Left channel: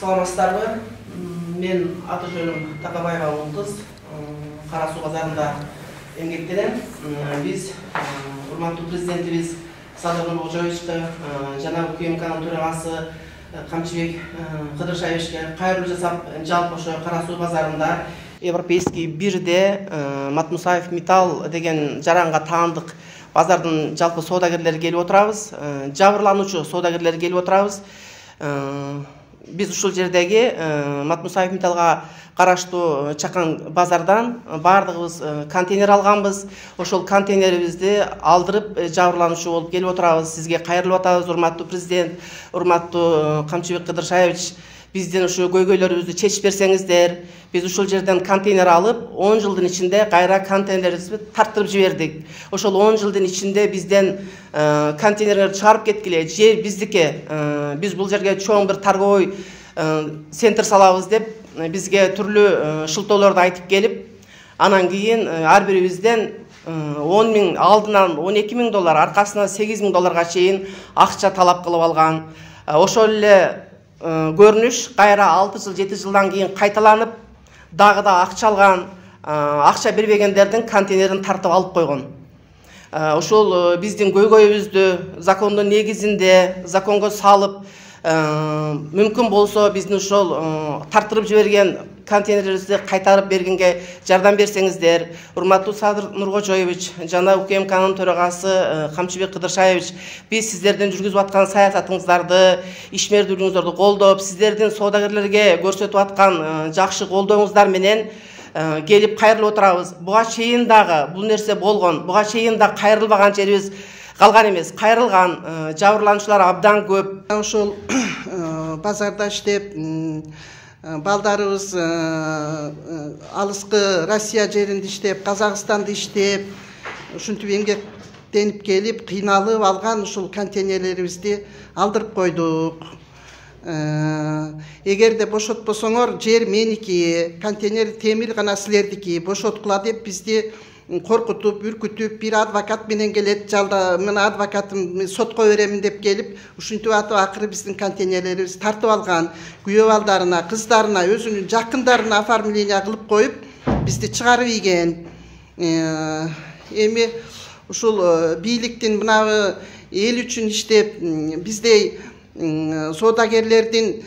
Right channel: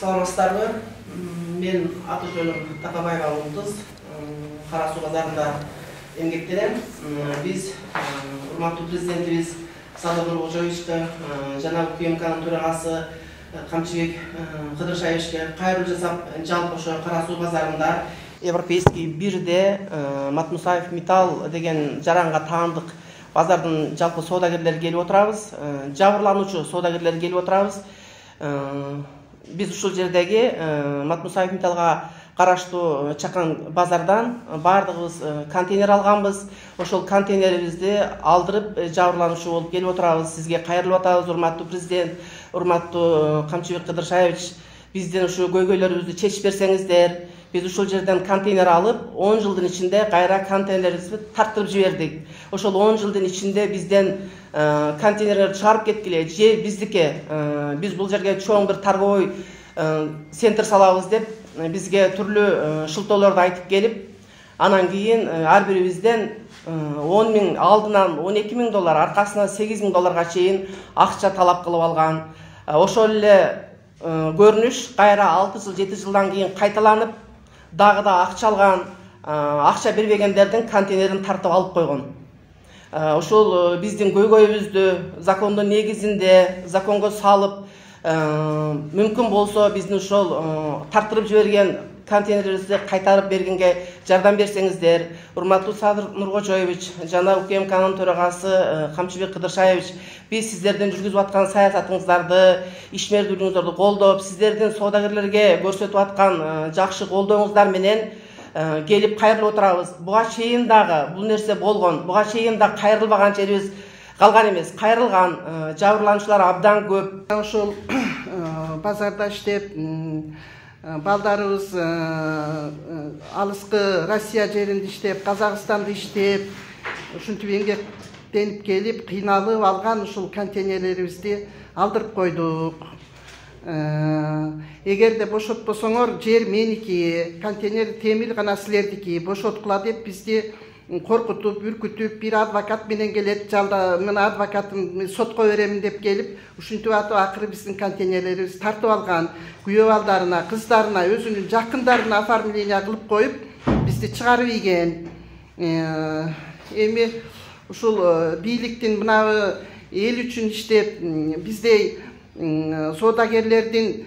Саламатсыздарбы? Мен аты жөнүм Такабаева Улдуз, Кара Суу базарында эмгектенем. Биз урматтуу президентибиз Садыр Нуркожоевичке жана УКМКнын төрагасы Камчыбек Кыдыршаевичке кайрылуу жасап, жалпы ошо Кара Суу базарында Европейский бирде Матмусаев Металл деген жаранга таандык базардын жалпы соодагерлери келип отурабыз, жабырлануучу соодагерлер келип отурабыз. Биз ушул жердеги Матмусаев Металлга караштуу чакан базардан бардыгыбыз контейнер алганбыз. Ошол контейнерибизди алдырып жабырлануучу болуп келип отурабыз. Сизге кайрылып атабыз, урматтуу президент, урматтуу Камчыбек Кыдыршаевич. Бизден ушу көйгөйлөрүбүздү чечип берсеңиздер. Биз ушул жерден контейнер алып, 10 жылдын ичинде кайра контейнерибизди тарттырып жибердик. Ошол 10 жылдын ичинде бизден контейнерлерди чыгарып кеткиле, жер биздики. Биз бул жерге чоң бир торговый центр салабыз деп бизге түрлүү шылтоолорду айтып келип, анан кийин ар бирибизден 10 миң алдынан 12 миң доллар, аркасына 8 миң долларга чейин акча талап кылып алган. Ошол эле көрүнүш кайра 6 жыл 7 жылдан кийин кайталанып, дагы да акча алган, акча бербегендердин контейнерин тартып алып койгон. Ушул биздин көйгөйүбүздү закондун негизинде законго салып, мүмкүн болсо биздин ошол тартырып жиберген контейнерибизди кайтарып бергенге жардам берсеңиздер. Урматтуу Садыр Нуркожоевич жана УКМКнын төрагасы Камчыбек Кыдыршаевич, биз сиздердин жүргүзүп аткан саясатыңыздарды, ишмердүүлүгүңүздөрдү колдоп, сиздердин соодагерлерге көрсөтүп аткан жакшы колдооңуздар менен келип кайрылып отурабыз. Буга чейин дагы бул нерсе болгон, буга чейин да кайрылбаган жерибиз калган эмес, кайрылган, жабырлануучулар абдан көп. Ошол базарда иштеп, балдарыбыз алыскы Россия жеринде иштеп, Казакстанда иштеп, ушинтип эмгектенип келип, кыйналып алган ушул контейнерлерибизди алдырып койдук. Эгерде бошотпосоңор, жер меники, контейнер темир гана силердики, бошоткула деп бизди коркутуп, үркүтүп, бир адвокат менен келет, жалда мына адвокатым сотко беремин деп келип, ушинтип атып акыры биздин контейнерлерибизди тартып алган. Күйөө балдарына, кыздарына, өзүнүн жакындарына оформление кылып коюп, бизди чыгарып ийген. Эми ушул бийликтин мына эл үчүн иштеп, биздей соодагерлердин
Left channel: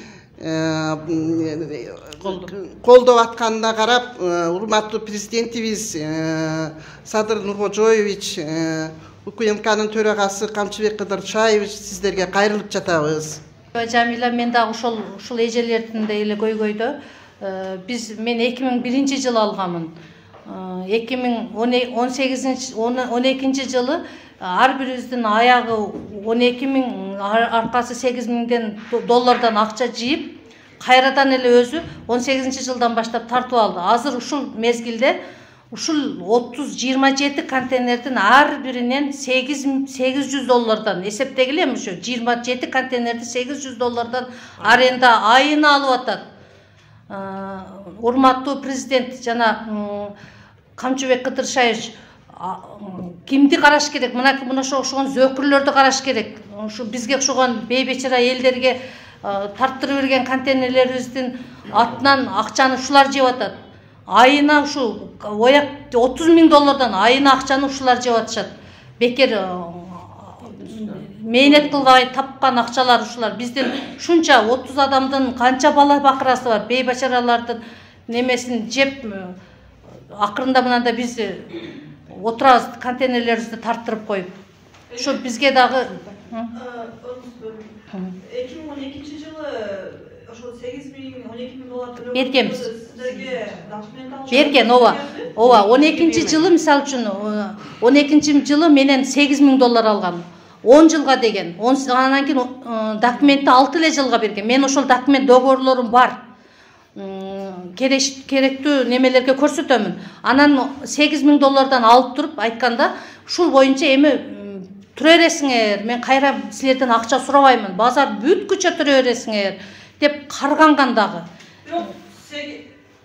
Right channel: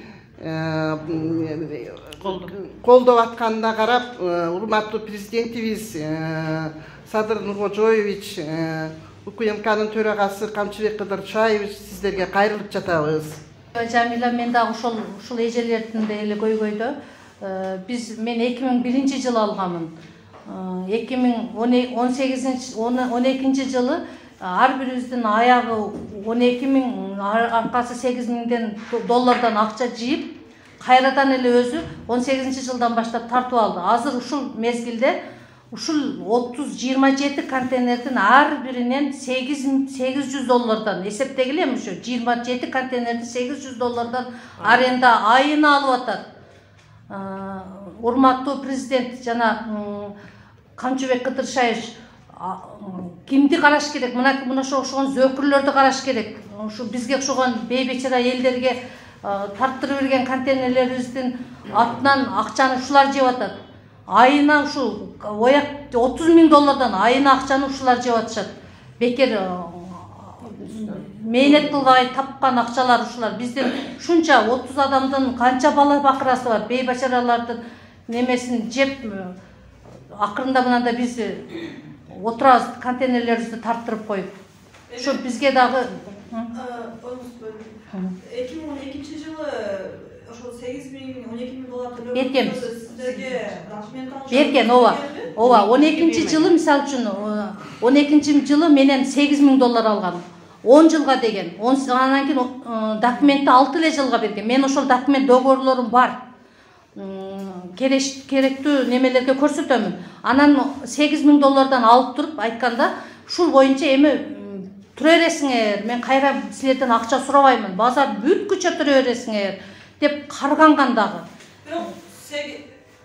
колдоп атканына карап, урматтуу президентибиз Садыр Нуркожоевич, УКМКнын төрагасы Камчыбек Кыдыршаевич, сиздерге кайрылып жатабыз. Жамила, мен дагы ушул эжелердин эле көйгөйдө. Мен 2001 жылы алганмын. 2012 жылы ар бирибиздин аягы 12 миң, аркасы 8 миңден доллардан акча жыйып, кайрадан эле өзү 18 жылдан баштап тартып алды. Азыр ушул мезгилде ушул 30-27 контейнердин ар биринен 800 доллардан эсептегиле, ушу 27 контейнерди 800 доллардан аренда айына алып атат. Урматтуу президент жана Камчыбек Кыдыршаевич кимди караш керек? Мына ошого зөкүрлөрдү караш керек. Ушу бизге окшогон бейбечара элдерге тарттырып берген контейнерлерибиздин атынан акчаны ушулар жеп атат. Айына ушу 30 миң доллардан айына акчаны ушулар жеп атышат. Бекер мээнет кылбай тапкан акчалар ушулар. Биздин ушунча 30 адамдын канча бала бакырасы бар, бейбачаралардын немесин жеп, акырында мынанда биз отурабыз, контейнерлерибизди тарттырып коюп. Ушу бизге дагы 2012 жылы ошол 8 миң, 12 миң доллар бергенбиз. Сиздерге документ алып берген, ооба. 12 жылы, мисалы үчүн 12 жылы менен 8 миң доллар алган. 10 жылга деген. Анан кийин документти 6 эле жылга берген. Мен ошол документ договорлорум бар. Керектүү немелерге көрсөтөмүн. Анан 8 миң доллардан алып туруп айтканда, ушул боюнча эми тура бересиңер, мен кайра силерден акча сурабаймын, базар бүткүчө тура бересиңер деп карганган дагы.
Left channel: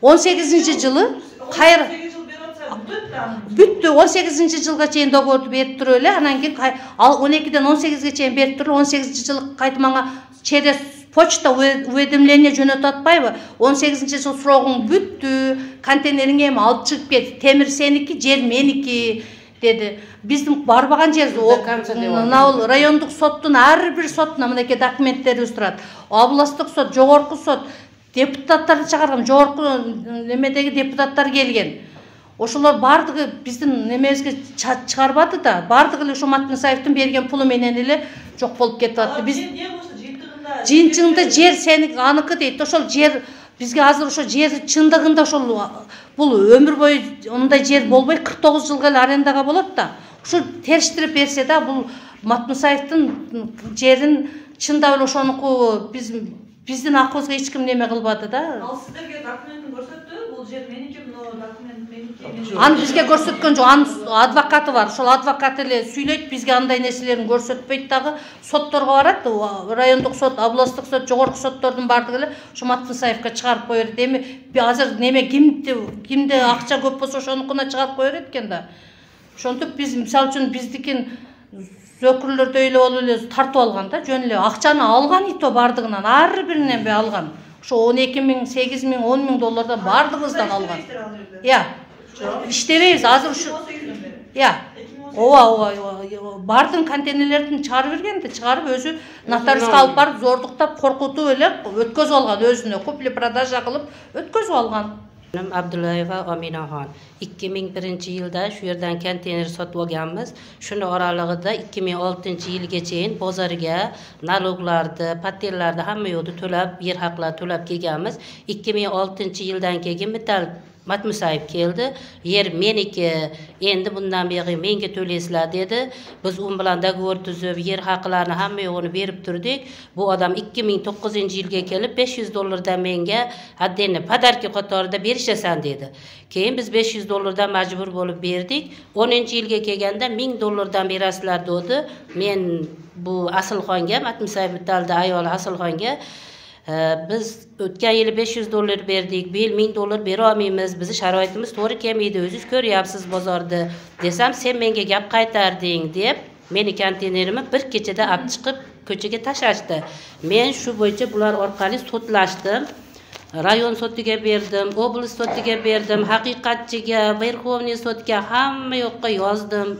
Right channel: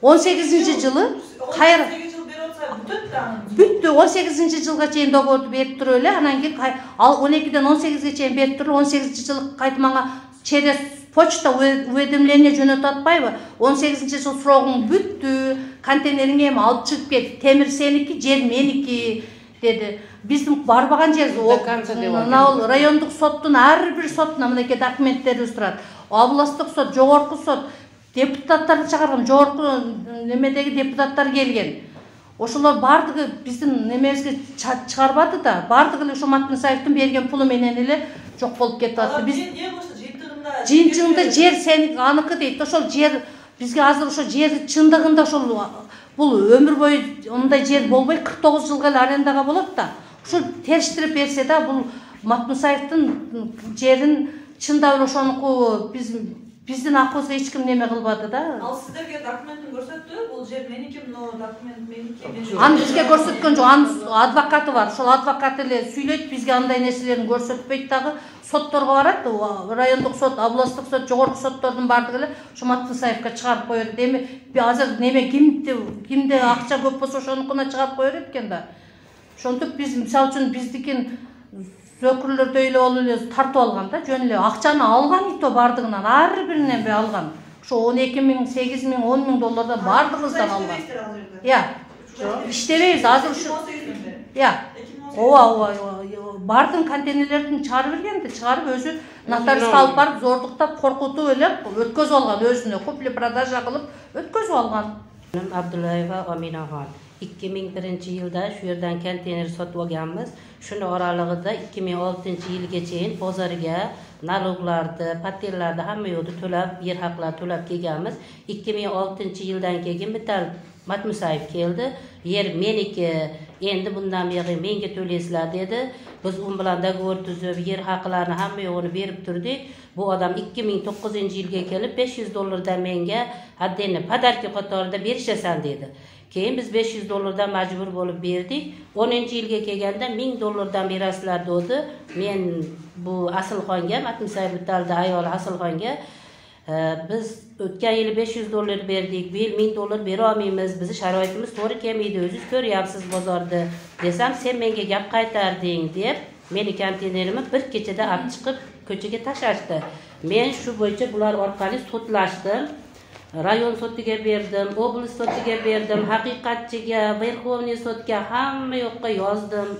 18 жылы кайра бүттү, 18 жылга чейин договорду берип туруп эле, анан кийин 12ден 18ге чейин берип туруп, 18 жылы кайтып мага через почта уведомление жөнөтүп атпайбы? 18-жыл срогуң бүттү, контейнериңи эми алып чыгып кет. Темир сеники, жер меники деди. Биздин барбаган жер райондук соттун ар бир сотуна мынакей документтерибиз турат. Областтык сот, жогорку сот, депутаттар чыгарган, жогорку немедеги депутаттар келген. Ошолор бардыгы биздин немебизге чыгарбады да, бардыгы эле Жомарт Мусаевдин берген пулу менен эле жок болуп кетип атты. Биз жыйынтыгында жер сеники аныкы дейт. Ошол жер бизге азыр ошо жер чындыгында ошол бул өмүр бою мындай жер болбой 49 жылга эле арендага болот да. Ошо териштирип берсе да бул Матмусаевдин жерин чындап эле ошонуку биздин акыбызга эч ким неме кылбады да. Ал сиздерге документин көрсөттү, бул жер меники, мына документ меники. Аны бизге көрсөткөн жок, анын адвокаты бар. Ошол адвокат эле сүйлөйт, бизге андай нерселерин көрсөтпөйт дагы. Сотторго барат, райондук сот, областтык сот, жогорку соттордун бардыгы эле Жомарт Мусаевге чыгарып кое берет. Эми азыр неме кимде акча көп болсо ошонукуна чыгарып кое берет экен да. Ошентип биз мисалы үчүн биздикин зөкүрлөрдө эле болуп эле тартып алган да, жөн эле акчаны алган ито бардыгынан ар биринен алган. Ошо 12 миң, 8 миң, 10 миң доллардан бардыгыбыздан алган. Иә. Иштебейбиз азыр ушу. Иә. Ооба, бардын контейнерлердин чыгарып бергенди, чыгарып өзү нотариуска алып барып зордуктап, коркутуп эле өткөзүп алган, өзүнө купли-продажа кылып өткөзүп алган. Abdullaeva Aminaxon 2001-yilda shu yerdan konteyner sotib olganmiz. Shuni oralig'ida 2006-yilga cheyin bozorga naloglarni, patenlarni hamma yo'lda to'lab, yer haqlarini to'lab kelganmiz. 2006-yildan keyin bitta Matmusayev keldi. Yer meniki, endi bundan beri menga to'laysizlar dedi. Biz u bilan dogovor tuzib, yer haqlarini hamma yo'g'ini berib turdik. Bu odam 2009-yilga kelib $500 menga addeni padarki qatorida berishasan dedi. Keyin biz $500 majbur bo'lib berdik. 10-yilga kelganda $1000 berasizlar dedi. Men bu Asilxonga, Matmusayev bitalda ayoli Asilxonga biz o'tgan yili $500 berdik, bu yil $1000 bera olmaymiz, bizni sharoitimiz to'g'ri kelmaydi, o'zingiz ko'ryapsiz bozorda desam, sen menga gap qaytarding deb meni konteynerimni bir kechada olib chiqib ko'chaga tashlashdi. Men shu bo'yicha bular orqali sotlashdim. Rayon sotiga berdim, oblast sotiga berdim, haqiqatchiga, Verxovniy sotga hamma yoqqa yozdim.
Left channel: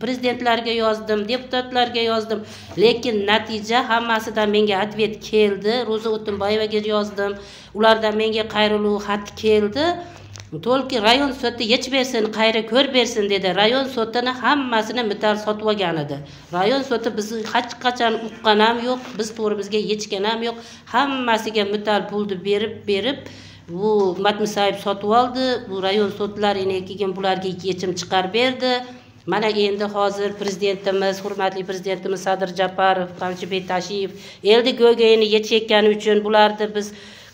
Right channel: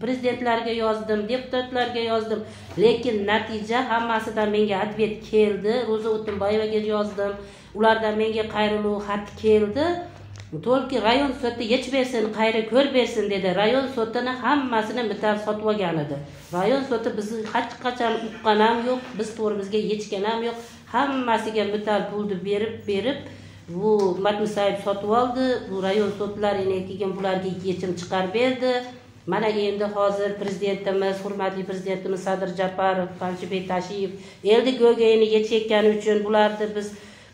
Prezidentlarga yozdim, deputatlarga yozdim, lekin natija hammasidan menga atvet keldi. Ro'za O'tinboyevaga yozdim, ulardan menga qayriluvchi xat keldi. To'lki rayon soti yech bersin, qayra ko'r bersin dedi. Rayon sotini hammasini mital sotib olgan edi. Rayon soti bizni hech qachon uqqan ham yo'q, biz to'g'rimizga yechgan ham yo'q. Hammasiga mital pulni berib bu Matmusayev sotib oldi. Bu rayon sotlari keyin bularga yechim chiqarib berdi. Mana endi hozir prezidentimiz, hurmatli prezidentimiz Sadir Japarov, Qamchibek Tashiyev eldi go'gayini yechayotgani uchun bularni biz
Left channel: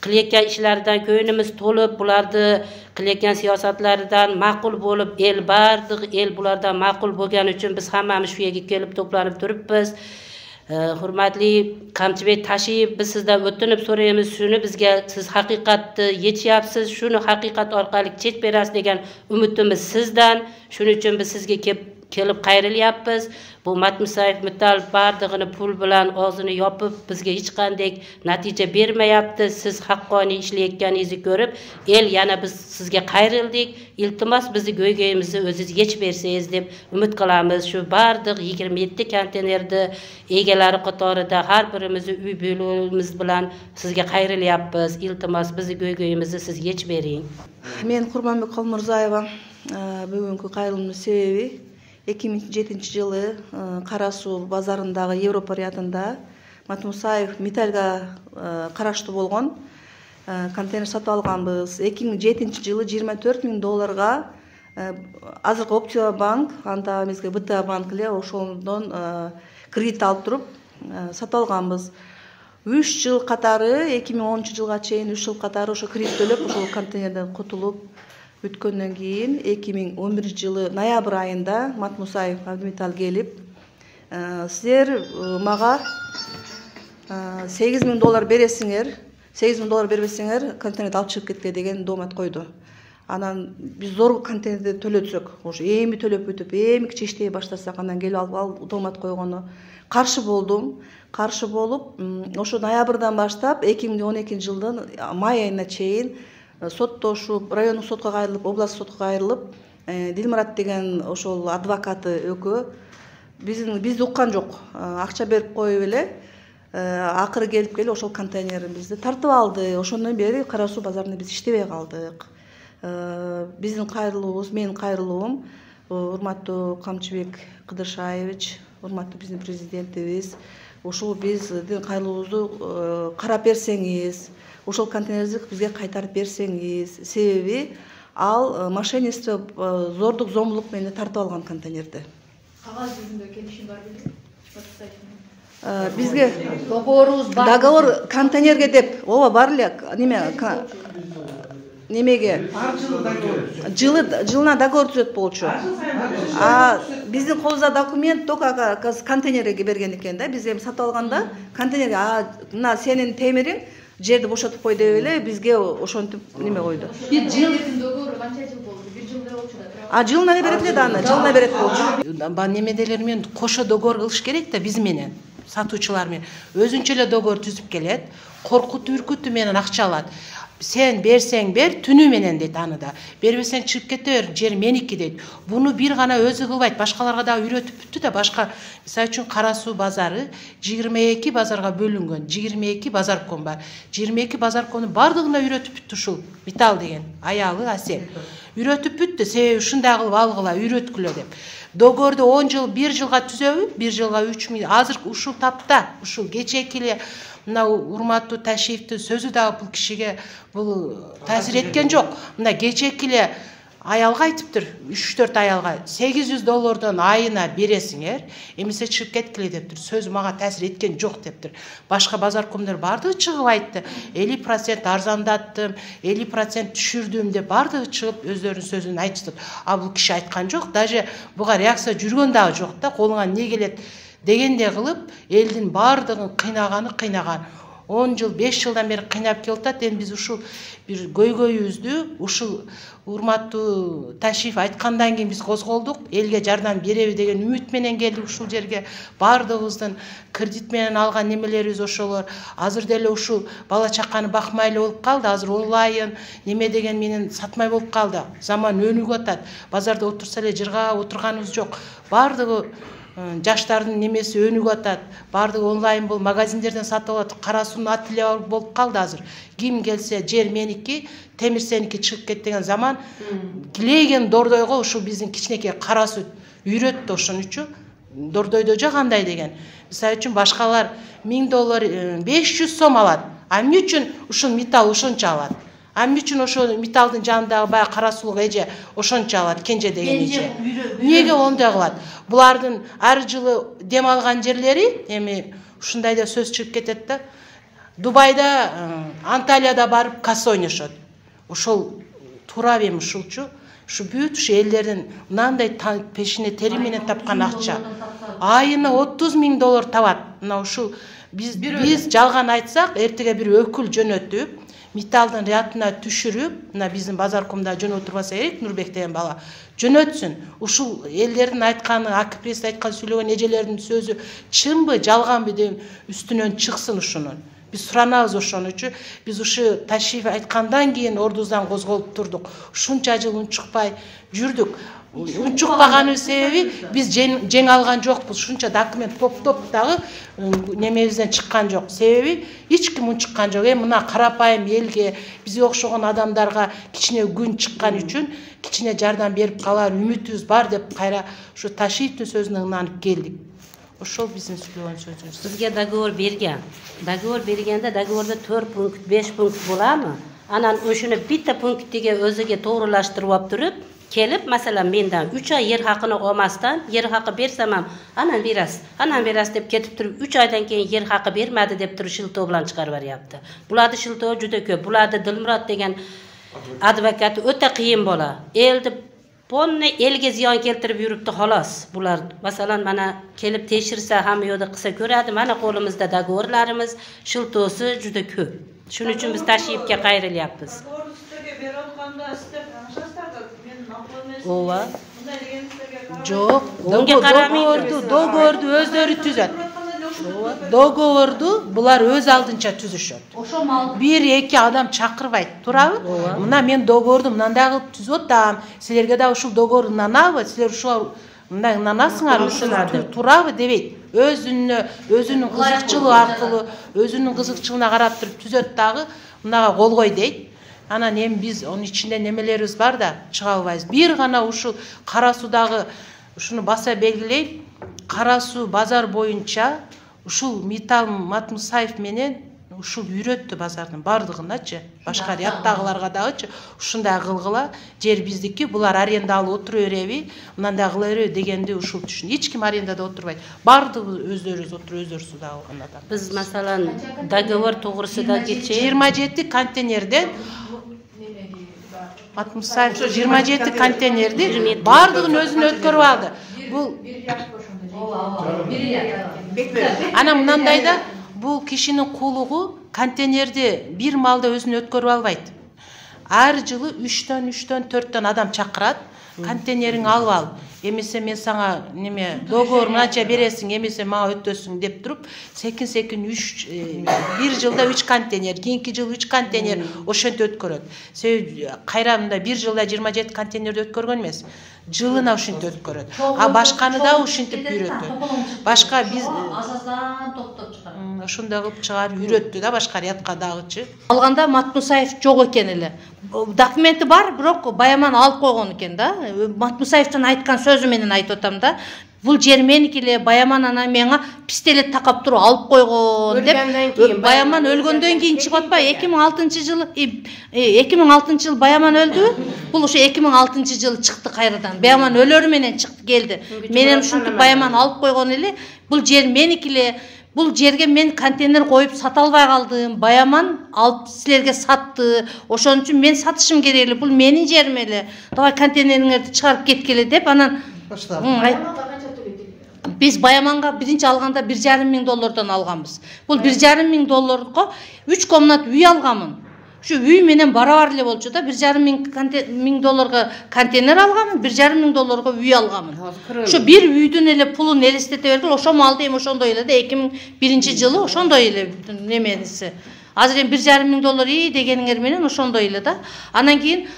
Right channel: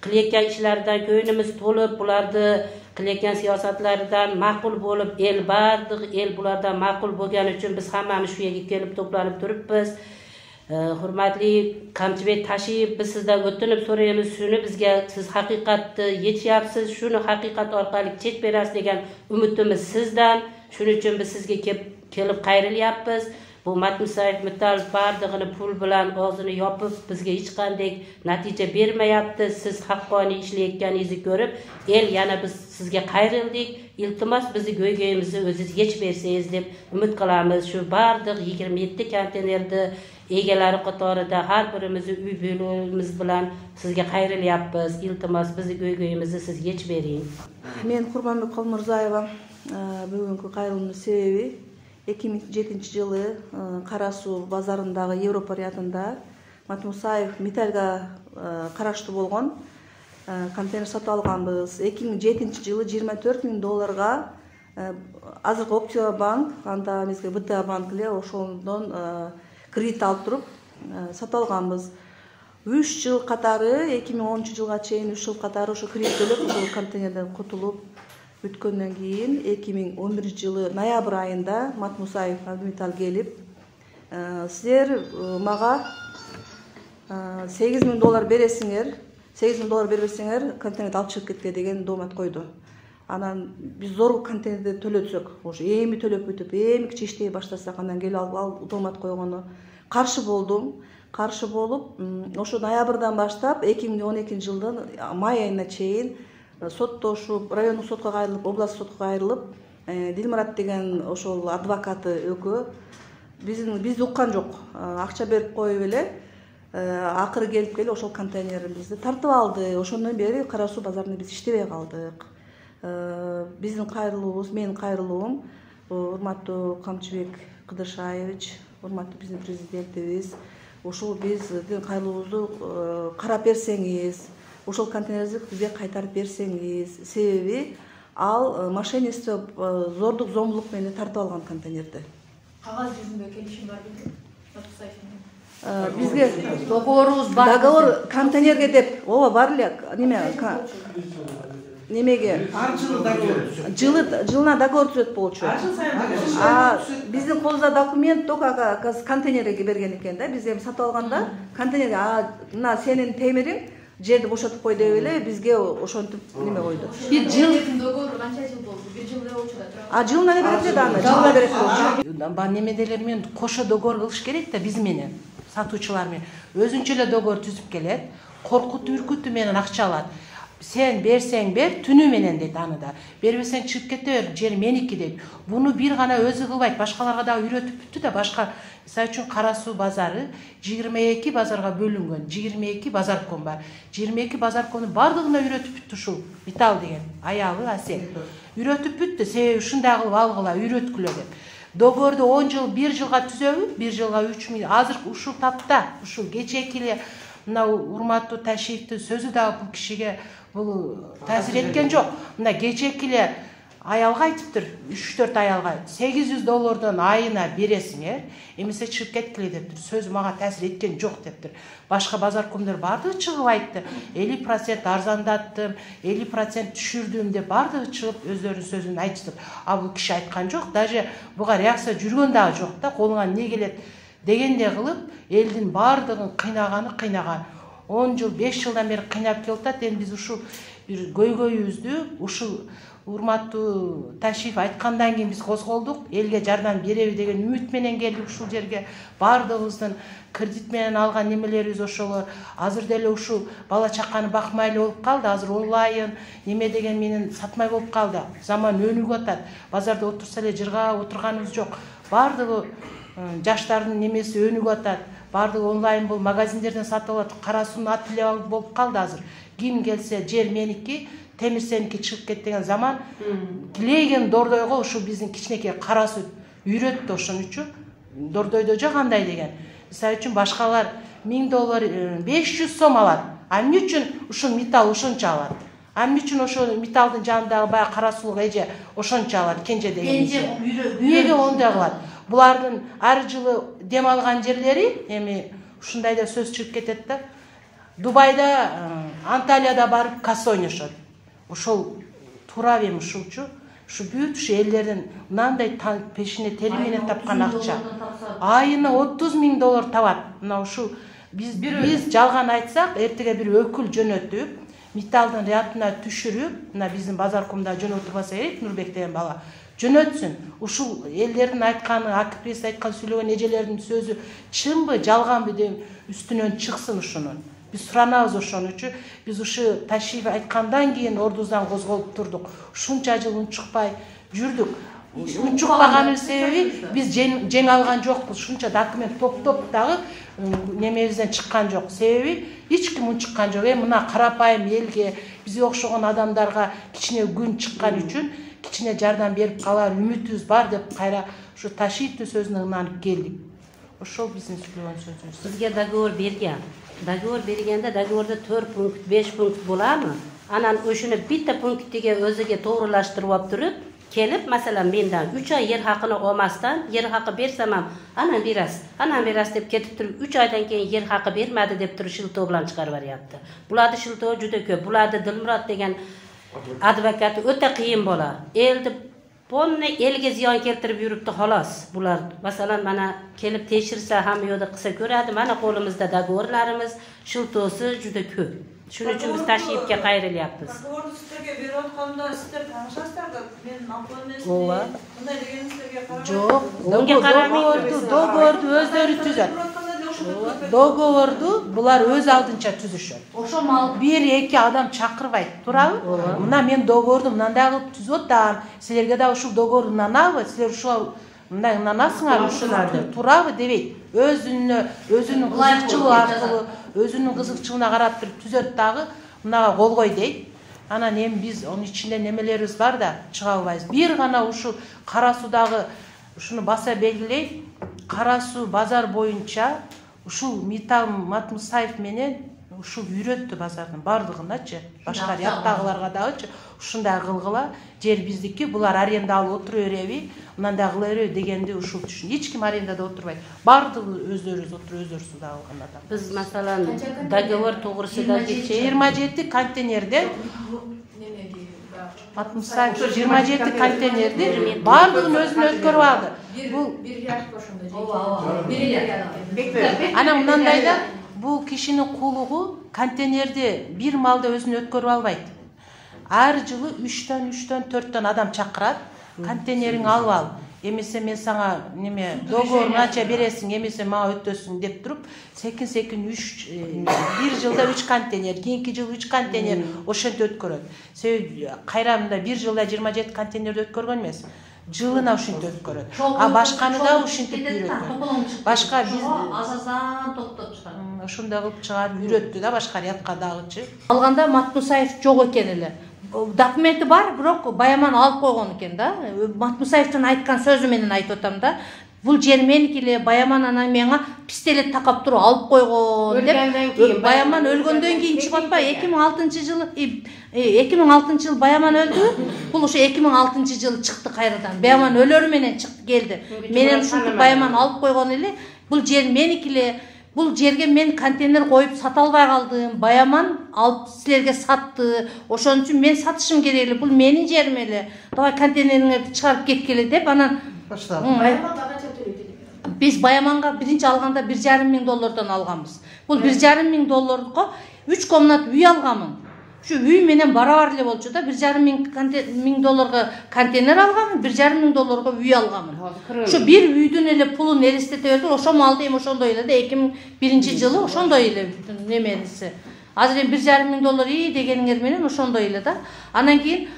qilayotgan ishlaridan ko'nglimiz to'lib, bularni qilayotgan siyosatlaridan ma'qul bo'lib, el bardiq, el bulardan ma'qul bo'lgani uchun biz hammamiz shu yerga kelib to'planib turibmiz. Hurmatli Qamchibek Tashiyev, biz sizdan o'tinib so'raymiz, shuni bizga siz haqiqatni yechyapsiz, shuni haqiqat orqali chet berasiz degan umidimiz sizdan. Shuning uchun biz sizga kelib qayrilyapmiz. Bu Matmusayev Metal bardig'ini pul bilan og'zini yopib, bizga hech qanday natija bermayapti. Siz haqqoniy ishlayotganingizni ko'rib, el yana biz sizga qayrildik. Iltimos bizni go'ygayimizni o'zingiz yech bersangiz deb umid qilamiz. Shu bardig' 27 konteynerni egalari qatorida har birimiz uy bo'limiz bilan sizga qayrilyapmiz. Iltimos bizni go'ygayimizni siz yech bering. Men Qurmonbek Xolmurzayeva. Бүгүнкү кайрылуунун себеби 2007-жылы Кара суу базарындагы Европа рядында Матмусаев Металлга караштуу болгон контейнер сатып алганбыз. 2007-жылы $24,000 азыркы Опция банк, анда эмеске ВТА банк эле ошондон кредит алып туруп сатып алганбыз. 3 жыл катары 2010-жылга чейин 3 жыл катары ошо кредит төлөп ошол контейнерден кутулуп өткөндөн кийин 2011-жылы ноябрь айында Матмусаев Абдметал келип, силер мага $8,000 бересиңер, $8,000 бербесеңер контейнерди алып чыгып кетке деген доомат койду. Анан биз зор контейнерди төлөтсөк, ошо эми төлөп өтүп, эми кичи иштей баштасак, анан келип ал доомат койгону каршы болдум. каршы болуп, ошо ноябрдан баштап 2012 жылдын май айына чейин соттошуп, райондук сотко кайрылып, областтык сотко кайрылып, Дилмурат деген ошол адвокаты экөө бизди уккан жок. Акча берип коюп эле акыры келип ошол контейнерибизди тартып алды. Ошондон бери Кара Суу базарында биз иштебей калдык. Биздин кайрылуубуз, менин кайрылуум, урматтуу Камчыбек Кыдыршаевич, урматтуу биздин президентибиз, ушул биздин кайрылуубузду карап берсеңиз, ошол контейнерди бизге кайтарып берсеңиз, себеби ал мошенничество, зордук, зомбулук менен тартып алган контейнерди. Кагаз жүзүндө келишим бар беле? Бизге договорубуз бар. договор контейнерге деп, ооба бар эле, немеге Ар жылы договор жылына договор түзөт болчу. Биздин колубузда документ только контейнерге берген экен да. Биз эми сатып алганда контейнерге мына сенин темириң жерди бошотуп кой деп эле бизге ошентип неме койду. Bir жыл договору канча жыл болду? 1 жыл эле болчу да. Жылына эле берет эле аны, жылына берет болчу. Немеделер менен кошо договор кылыш керек да биз менен, сатуучулар менен. Өзүнчө эле договор түзүп келет, коркутуп үркүтүү менен акча алат. Sen берсең бер, түнү менен дейт аны да. Бербесең чыгып кете бер, жер меники дейт. Буну бир гана өзү кылбайт, башкаларга да үйрөтүп бүттү да, башка. Мисалы үчүн Кара Суу базары 22 базарга бөлүнгөн. 22 базарком бар. 22 базаркомдун бардыгына үйрөтүп бүттү ушул металл деген. Аягы Асел. Үйрөтүп бүттү, себеби ушундай кылып алгыла, үйрөткүлө деп. Договорду 10 жыл, 1 жылга түзөбү, 1 жылга 3 миң. Азыр ушул тапта, ушул кечээки эле мына урматтуу Ташиевдин сөзү дагы бул кишиге бул таасир эткен жок. Мына кечээки эле аялга айтыптыр, 3-4 аялга $800 айына бересиңер, эмесе чыгып кеткиле дептир. Сөзү мага таасир эткен жок дептир. Башка базаркомдор бардыгы чыгып айтты. 50% арзандаттым, 50% түшүрдүм деп бардыгы чыгып өздөрүнүн сөзүн айтышты. А бул киши айткан жок, даже буга реакция жүргөн дагы жок да, колуңа не келет дегенде кылып, элдин бардыгын кыйнаган. 10 жыл, 5 жылдан бери кыйнап келатат. Эми биз ушул бир көйгөйүбүздү ушул урматтуу Ташиев айткандан кийин биз козголдук. Элге жардам береби деген үмүт менен келдик ушул жерге. Бардыгыбыздын кредит менен алган немелерибиз ошолор. Азыр деле ушул бала чаканы бакмай эле болуп калды. Азыр онлайн неме деген менен сатмай болуп калды. Заман өнүгүп атат. Базарда отурса эле жыргап отурганыбыз жок. Бардыгы жаштардын немеси өнүгүп атат. Бардыгы онлайн бул магазиндерден сатып алат. Кара Суунун ателье болуп калды азыр. Ким келсе жер меники, темир сеники чыгып кет деген заман. Килеген Дордойго ушул биздин кичинекей Кара Суу үйрөттү ошон үчүн. Дордойдо жагандай деген. Мисалы үчүн башкалар $1000, 500 сом алат. А эмне үчүн ушул металл ушунча алат? А эмне үчүн ошол металлдын жанындагы баягы Кара Суулук эже ошончо алат, Кенже деген эже? Эмнеге ондай кылат? Булардын ар жылы дем алган жерлери эми ушундай да сөз чыгып кетет да. Дубайда, Анталияда барып касса ойношот. Ошол туура эми ушулчу. Ушу бүт ушу элдердин мынандай пешине тери менен тапкан акча. Айына $30,000 табат. Мына ушул биз жалган айтсак, эртеге бир өкүл жөнөтүп, металлдын рядына түшүрүп, мына биздин базаркомдо жөнөтүп турбаса керек, Нурбек деген бала жөнөтсүн. Ушул элдердин айтканы, АКПС айткан сүйлөгөн эжелердин сөзү чынбы, жалганбы деп үстүнөн чыксын ушунун. Биз суранабыз ошон үчүн. Биз ушу Ташиев айткандан кийин ордубуздан козголуп турдук. Ушунча жыл унчукпай жүрдүк. Унчукпаганын себеби биз жең алган жокпуз. Ушунча документ топтоп дагы немебизден чыккан жок. Себеби эч ким унчуккан жок. Мына карапайым элге, бизге окшогон адамдарга кичине күн чыккан үчүн кичине жардам берип калар үмүтүбүз бар деп кайра ушу Ташиевдин сөзүнө ынанып келдик. Ошол биздин сүйлөгөн сөзүбүз. Бизге договор берген. Договор бергенде договорда 4 пункт, 5 пункт буламы? Анан ошону битте пунктиге өзүгө тууруулаштырып алып туруп, келип, masalan, мендан 3 ай жер хакыны алмастан, жер хакы берсем, анан берас деп кетип туруп, 3 айдан кийин жер хакы бермеди деп туруп шылтоо менен чыгарып берипти. Буларды шылтоо жүдө көп. Буларды Дилмурат деген адвокат өтө кыйын бола. Элди Понне элге зыян келтирип жүрүптү халас. Булар masalan mana келип текширсе хамы yoda кыса көрөдү. Mana колубузда договорларыбыз, шылтоосу жүдө көп. Шуның үчүн биз Ташиевке кайрылыппыз. Договорду сиздерге берип атканда сиздер таанышасыздарбы? Мен наполнесин Ооба. мындай дегенingizге карабай. Жок, договорду өздөрү түзөт. договорду булар өз алдынча түзүшөт. Ошо мал Бир эки адам чакырбайт, турабы? Мына мен договорду мындай кылып түзүп атам. Силерге да ушул договорду нанабы? Силер ушул мындай нанасыңар ушуларды, турабы дебейт. Өзүнүн кызыкчылыгы аркылуу, өзүнүн кызыкчылыгына карап туруп түзөт дагы, мынага кол кой дейт. Анан эми биз онун ичинде немелерибиз бар да, чыга албайбыз. Бир гана ушул Кара Суудагы ушуну баса белгилейт. Кара Суу базар боюнча ушул Митал Матмусаев менен ушул үйрөттү базардын бардыгыначы, башка ряддагыларга дагычы ушундай кылгыла, жер биздики, булар аренда алып отура береби, мындай кыла береби дегенди ушул түшүн. Эч ким арендада отурбайт. Бардыгы өздөрүбүз отуруп, өздөрүбүз да алган адам. Biz masalan договор to'g'risida kecha 27 контейнерден Матмусаев 27 контейнерди бардыгын өзүнө өткөрүп алды. Бул Ана мындай да, бул кишинин кулугу контейнерди бир малда өзүнө өткөрүп албайт. Ар жылы 3төн 4төн адам чакырат, контейнериңди алып ал. Эмесе мен сага неме договор канча бересиң, эмесе мага өтөсүң деп туруп, секин 3 бир жылда 3 контейнер, кийинки жыл 3 контейнер ошентип өткөрөт. Себеби кайрамында бир жылда 27 контейнерди өткөргөн эмес. Жылына ушинтип өткөрөт. А башканы да ушинтип үйрөтөт. Башка биз азазан токтоп чыгарат. Ошондой кылып чыгарып үйрөттү да башка рядка дагычы. Алганда Матмусаев жок экен эле. Документи бар, бирок Баяман алып койгон экен да. Матмусаевдин айткан сөзү менен айтып атам да. Бул жер меники эле, Баяман ана мага пистолет такап туруп алып койгон деп. Баяман өлгөндөн кийин чыгып атпайбы? 2006-жылы 2006-жылы Баяман өлдү. Бул ошо 2006-жылы чыкты кайрадан. Баяман өлөр менен чыкты келди. Менен ушинтип Баяман алып койгон эле. Бул жер меники эле. Бул жерге мен контейнер коюп сата албай калдым. Баяман алып силерге сатты. Ошон үчүн мен сатышым керек эле. Бул менин жерим эле. Давай контейнериңерди чыгарып кеткиле деп анан Biz Баяманга биринчи алганда $1,5 миң алганбыз. Бул $1,5 миң 3 комнат үй алганмын. Şu үй менен барабар эле болчу да, $1,5 миң контейнер алганмын, $1,5 үй алганмын. Şu бир үйдүн эле пулун элестете берди, ошо малды эми ошондой эле да 2001-жылы ошондой эле немениси. Азыр эми $1,5 миң дегениңер менен ошондой эле да. Анан кийин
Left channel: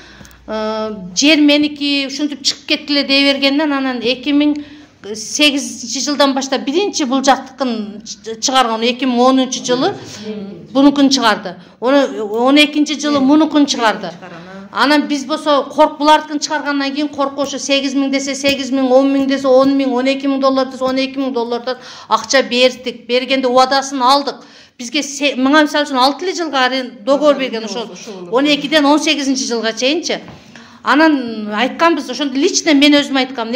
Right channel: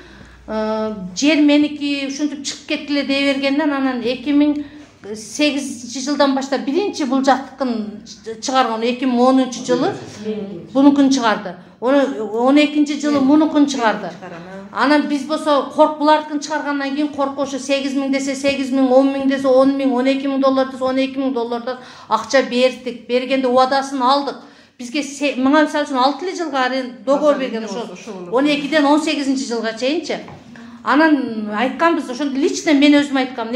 жер меники ушинтип чыгып кеткиле дей бергенден анан 2008-жылдан баштап биринчи бул жактыкын чыгарган 2010-жылы бунукун чыгарды. 12-жылы мунукун чыгарды. Анан биз болсо булардыкын чыгаргандан кийин коркушу 8 миң десе 8 миң, 10 миң десе 10 миң, $12 миң десе $12 миң акча бердик. Бергенде убадасын алдык. Бизге мага мисалы үчүн 6 жылга договор берген ошо 12-ден 18-жылга чейинчи. Анан айтканбыз, ошондо лично мен өзүм айткам,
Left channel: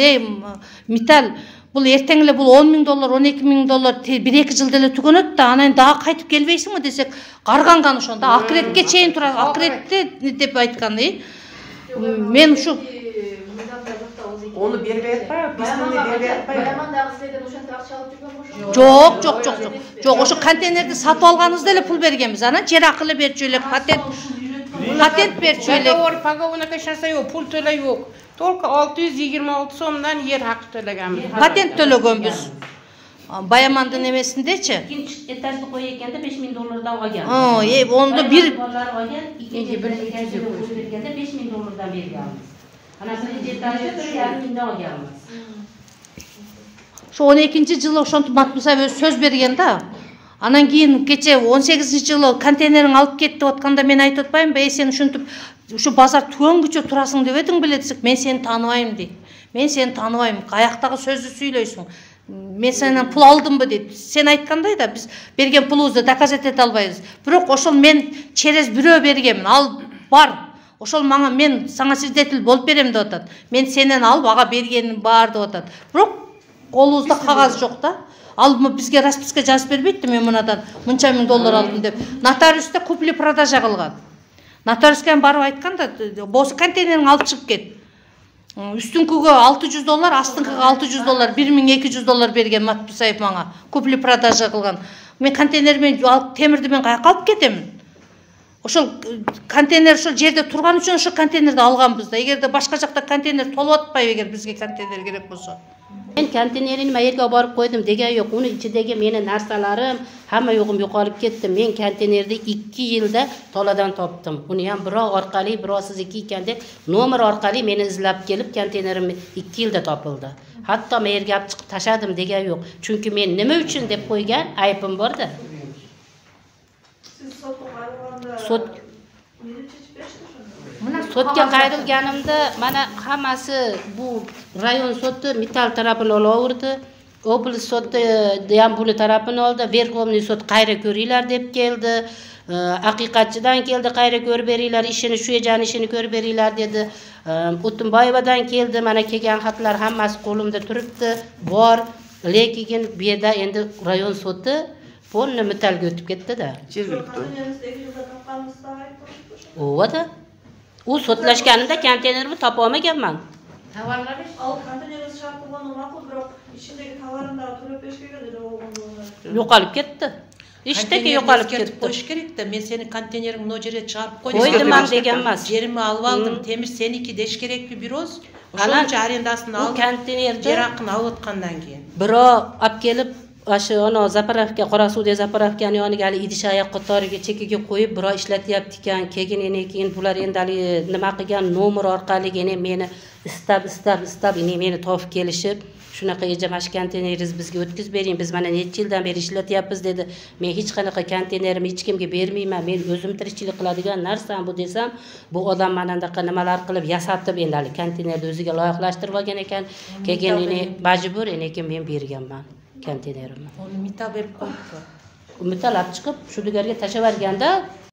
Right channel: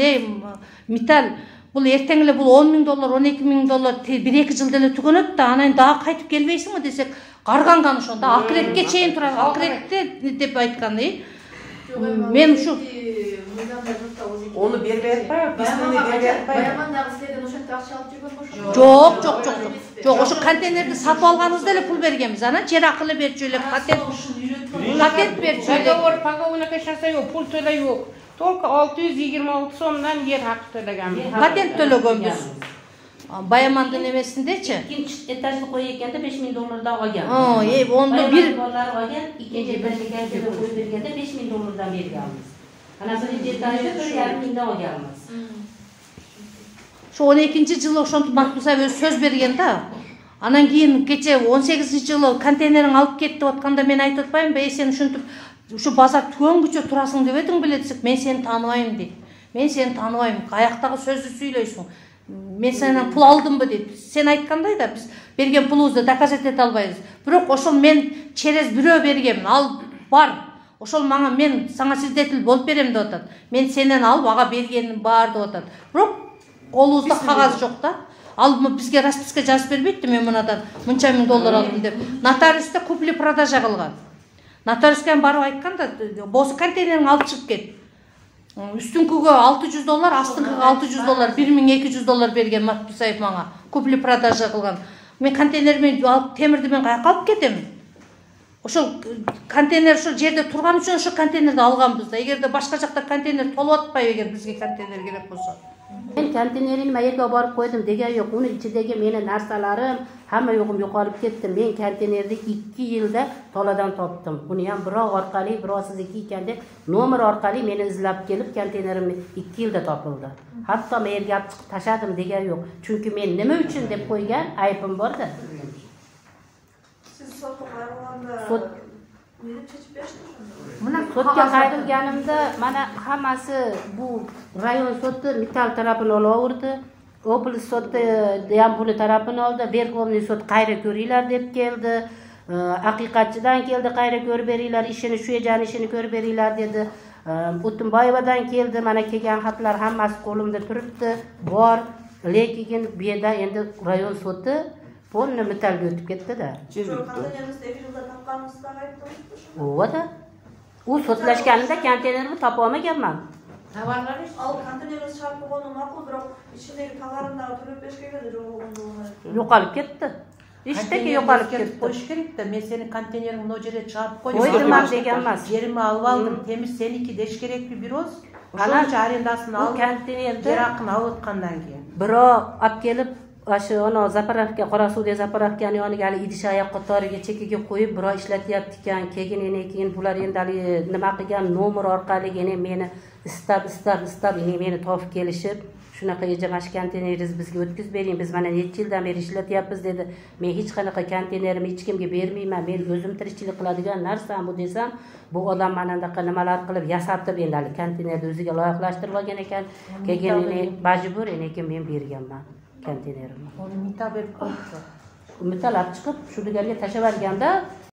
Митал, бул эртең эле бул $10 миң, $12 миң 1-2 жылда эле түгөнөт да, анан дагы кайтып келбейсиңби десек, карганган ошондо акыретке чейин турат, акыретте деп айткан. Мен ушу Onu бербей атпайбы? Письмени бербей атпайбы? Баяман дагы силерден ошентип акча алып жүргөн болчу? Жок, ошо контейнерди сатып алганыбызда эле пул бергенбиз. Анан жер акы эле берчү элек, патент берчү элек. Договор погода жасайбы, пул төлөйбү. Только 626 сомдон жер акы төлөгөнбүз. Патент төлөгөнбүз. Баямандын эмесиндечи. İkinci etajlı koyu ekende $5 миң dava geldi. Onda bir ikinci etajlı koyu vergende $5 миң berganmiz. Ana birinci etajda $1,5 mиң dava gelmez. Şu 12-жылы ошентип Матмусаев өз сөз берген да. Анан кийин кече 18-жылы контейнериң алып кетти деп атканда мен айтып атпаймынбы, сен ушинтип ушу базар түгөнгүчө турасың деп эдиң беле десек, мен сени тааныбайм дейт. Мен сени тааныбайм, аяктагы сөздү сүйлөйсүң. Мен сенен пул алдымбы дейт. Сен айткандай да биз берген пулубузду доказать эте албайбыз. Бирок ошол мен через бирөө бергенмин, ал бар. Ошол мага мен сага свидетель болуп берем деп атат. Мен сенен алып ага бергеним бар деп атат. Бирок колубузда кагаз жок да. Ал бизге расписка жазып бербейт, мен мынадан мынча $1,000 алдым деп. Нотариусте купли-продажа кылган. Нотариуска барып айтканда, "Бос контейнериңди алып чыгып кет." Үстүңкүгө $600, астыңкыга $600, $1,200 берген Матмусаев мага. Купли-продажа кылган. Мен контейнермен алып темирди мен каяка алып кетемин? Ошол контейнер ошол жерде турган үчүн ошол контейнерди алганбыз да. Эгерде башка жакта контейнер толуп атпайбы, эгер бизге контейнер керек болсо. Men konteynerini yerga borib qo'ydim degan yo'q. Uni ichidagi meni narsalarim hamma yo'g'im yo'qolib ketdi. Men konteynerni 2 yilda toladan topdim. Uni ham birov orqali, birov sizniki ekan deb nomer orqali meni izlab kelib konteynerim 2 yilda topildi. Hatto men yerga olib chiqib tashadim degan yo'q. Chunki men nima uchun deb qo'ygan aybim borda. Siz sotga qayg'urganda Sot neni chechib berishdingiz? Sotga qayrilganimda mana hammasi bu rayon soti Metal tarafini olaverdi. Oblast soti ham buni tarafini oldi. Verxovniy sot qayra ko'ringlar deb keldi. Haqiqatchidan keldi, qayra ko'rib beringlar, ishini shu ejani ishini ko'rib beringlar dedi. O'tinboyevadan keldi, mana kelgan xatlar hammasi qo'limda turibdi. Bor, lekin bu yerda endi rayon soti polni Metalga o'tib ketdi-da. Konteynerimizni 2 yilda topganimizda aytdingiz. O'vada. U sotlashganimda konteynerni topa olmaganman. Tovarlari Al konteynerimiz shart bo'lgani ma'qul, biroq ichidagi tovarlarni to'lab berish kerak edi, Yo'qolib ketdi. Ishdagi yo'qolib ketdi. Qo'yish kerak-da. Men seni konteyneringni o yerga chiqarib qo'ydum. Qo'ydim degan emas. Yerimni olib oldim. Temir seniki desh kerakmi biroz? O'shancha arendasini Bu olib, konteynerda yer haqini olib o'tgandan keyin. birov olib kelib o'sha ona zapravka Qorasuv zapravkani yoniga hali idish oyoq qatoriga chekiga qo'yib birov ishlatyapti ekan. Keyin bular endi nima qilgan nomer orqali meni istab meni topib kelishib shunaqa ejamash konteyneringizni bizga o'tkazib bering, biz mana necha yildan beri ishlatyapmiz dedi. Men hech qanaqa konteynerimni hech kimga bermayman, men o'zim tirikchilik qiladigan narsam bu desam, bu odam mana bunaqa nimalar qilib yasatib endi konteynerni o'ziga loyihalashtirib olgan ekan. Keyin majbur lekin men berganman konteynerimni. Uni mita berib qo'yibdi. Metal olib chiqib shu lugarga tashlab yuborganda